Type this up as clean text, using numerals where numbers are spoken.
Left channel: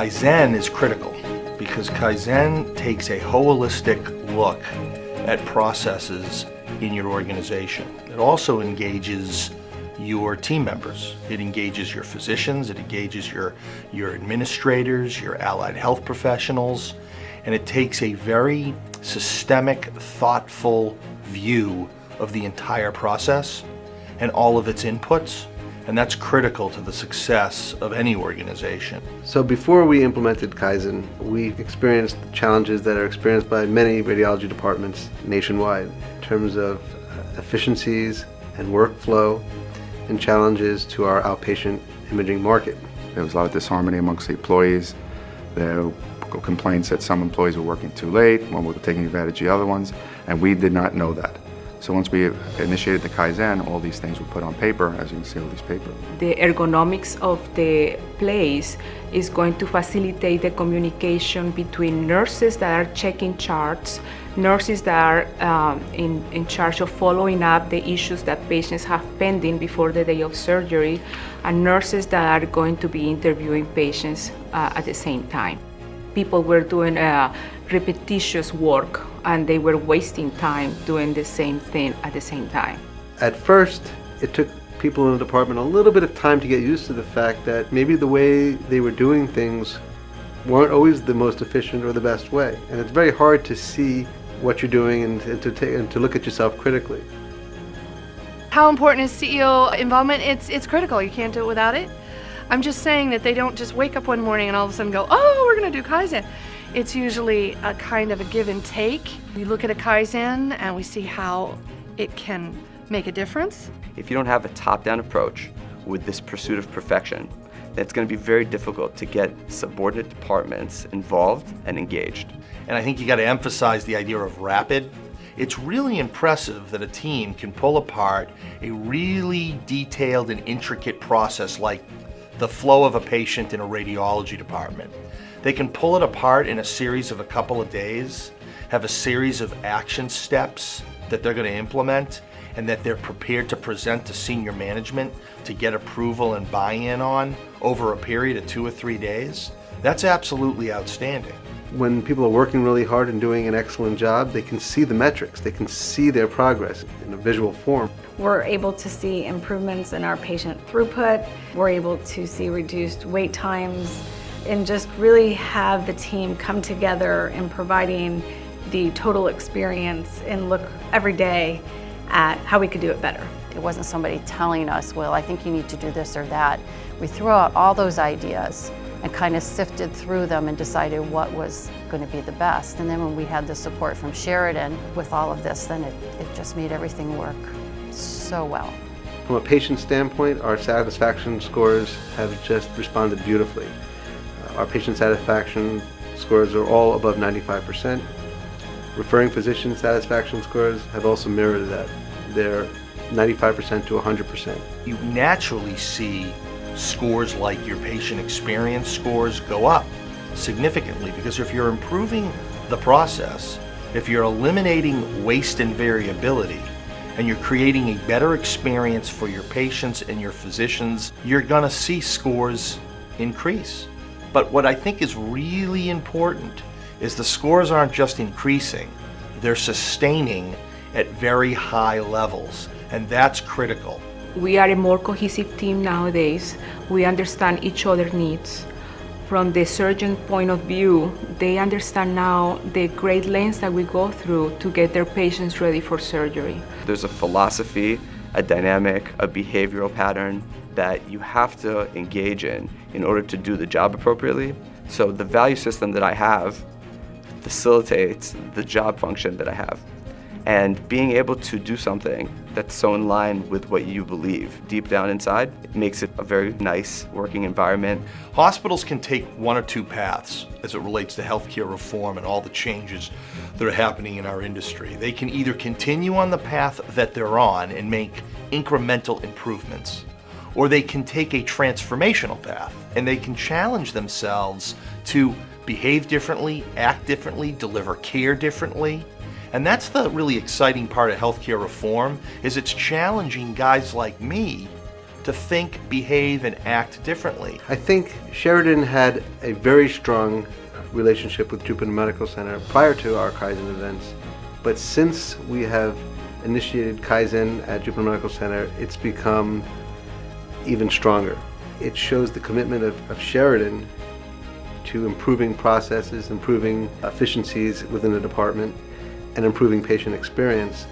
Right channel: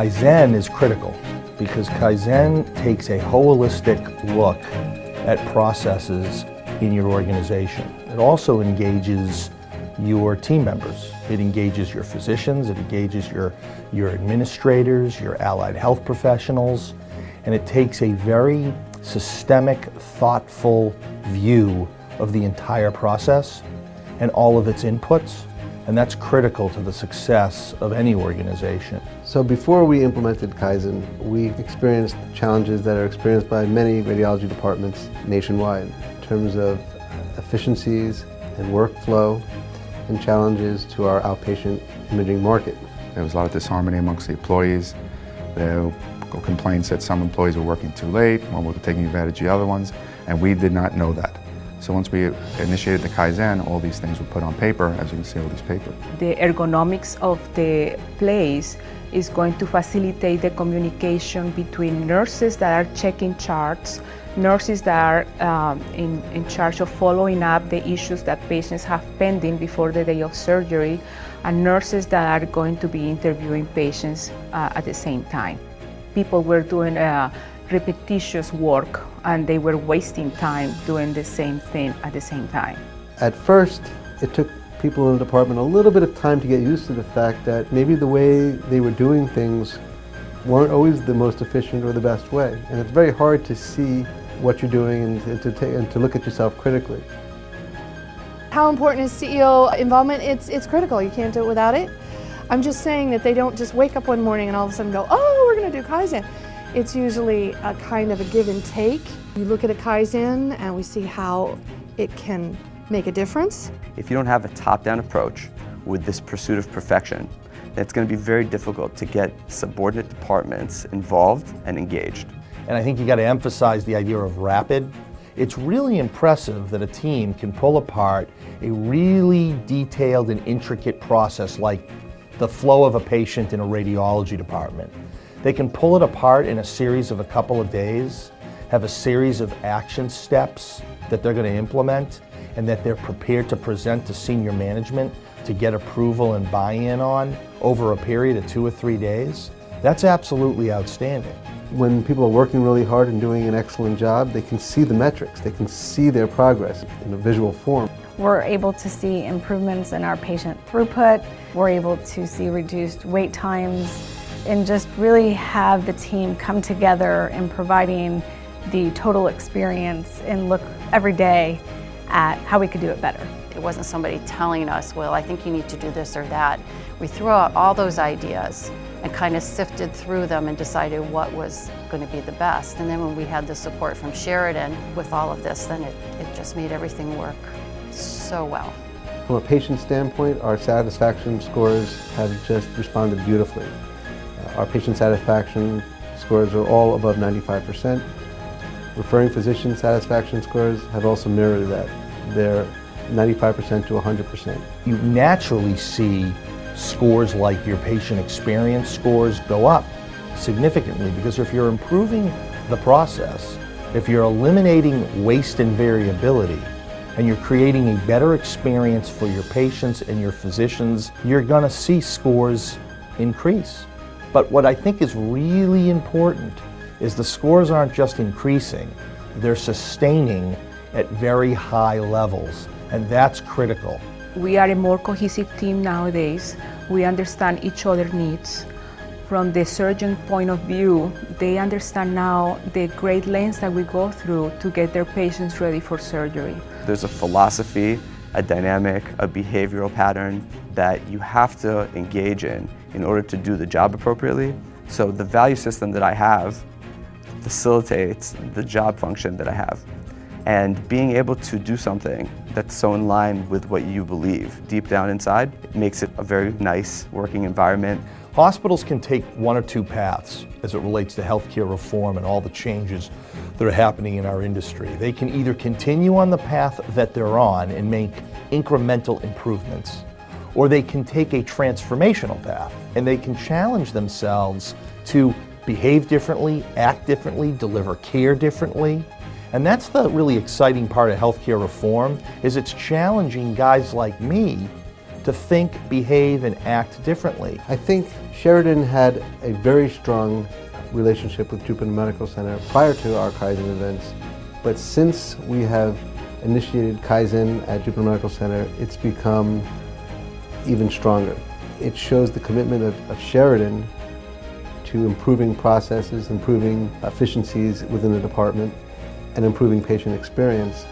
Kaizen is critical because Kaizen takes a holistic look at processes in your organization. It also engages your team members. It engages your physicians, it engages your administrators, your allied health professionals, and it takes a very systemic, thoughtful view of the entire process and all of its inputs, and that's critical to the success of any organization. So before we implemented Kaizen, we experienced challenges that are experienced by many radiology departments nationwide in terms of efficiencies and workflow and challenges to our outpatient imaging market. There was a lot of disharmony amongst the employees. There were complaints that some employees were working too late, one were taking advantage of the other ones, and we did not know that. So once we initiated the Kaizen, all these things were put on paper, as you can see all these papers. The ergonomics of the place is going to facilitate the communication between nurses that are checking charts, nurses that are in charge of following up the issues that patients have pending before the day of surgery, and nurses that are going to be interviewing patients at the same time. People were doing repetitious work and they were wasting time doing the same thing at the same time. At first, it took people in the department a little bit of time to get used to the fact that maybe the way they were doing things weren't always the most efficient or the best way. And it's very hard to see what you're doing and to look at yourself critically. How important is CEO involvement? It's critical. You can't do it without it. I'm just saying that they don't just wake up one morning and all of a sudden go, oh, we're going to do Kaizen. It's usually a kind of a give and take. We look at a Kaizen and we see how it can make a difference. If you don't have a top-down approach with this pursuit of perfection, then it's going to be very difficult to get subordinate departments involved and engaged. And I think you got to emphasize the idea of rapid. It's really impressive that a team can pull apart a really detailed and intricate process like the flow of a patient in a radiology department. They can pull it apart in a series of a couple of days, have a series of action steps that they're going to implement and that they're prepared to present to senior management to get approval and buy-in on over a period of 2 or 3 days. That's absolutely outstanding. When people are working really hard and doing an excellent job, they can see the metrics, they can see their progress in a visual form. We're able to see improvements in our patient throughput. We're able to see reduced wait times and just really have the team come together in providing the total experience and look every day at how we could do it better. It wasn't somebody telling us, well, I think you need to do this or that. We threw out all those ideas and kind of sifted through them and decided what was going to be the best. And then when we had the support from Sheridan with all of this, then it just made everything work so well. From a patient standpoint, our satisfaction scores have just responded beautifully. Our patient satisfaction scores are all above 95%. Referring physician satisfaction scores have also mirrored that. They're 95% to 100%. You naturally see scores like your patient experience scores go up significantly because if you're improving the process, if you're eliminating waste and variability, and you're creating a better experience for your patients and your physicians, you're going to see scores increase. But what I think is really important is the scores aren't just increasing, they're sustaining at very high levels, and that's critical. We are a more cohesive team nowadays. We understand each other's needs. From the surgeon point of view, they understand now the great lengths that we go through to get their patients ready for surgery. There's a philosophy, a dynamic, a behavioral pattern that you have to engage in order to do the job appropriately. So the value system that I have facilitates the job function that I have. And being able to do something that's so in line with what you believe deep down inside, it makes it a very nice working environment. Hospitals can take one or two paths as it relates to healthcare reform and all the changes that are happening in our industry. They can either continue on the path that they're on and make incremental improvements, or they can take a transformational path and they can challenge themselves to behave differently, act differently, deliver care differently. And that's the really exciting part of healthcare reform, is it's challenging guys like me to think, behave, and act differently. I think Sheridan had a very strong relationship with Jupiter Medical Center prior to our Kaizen events, but since we have initiated Kaizen at Jupiter Medical Center, it's become even stronger. It shows the commitment of Sheridan to improving processes, improving efficiencies within the department, and improving patient experience.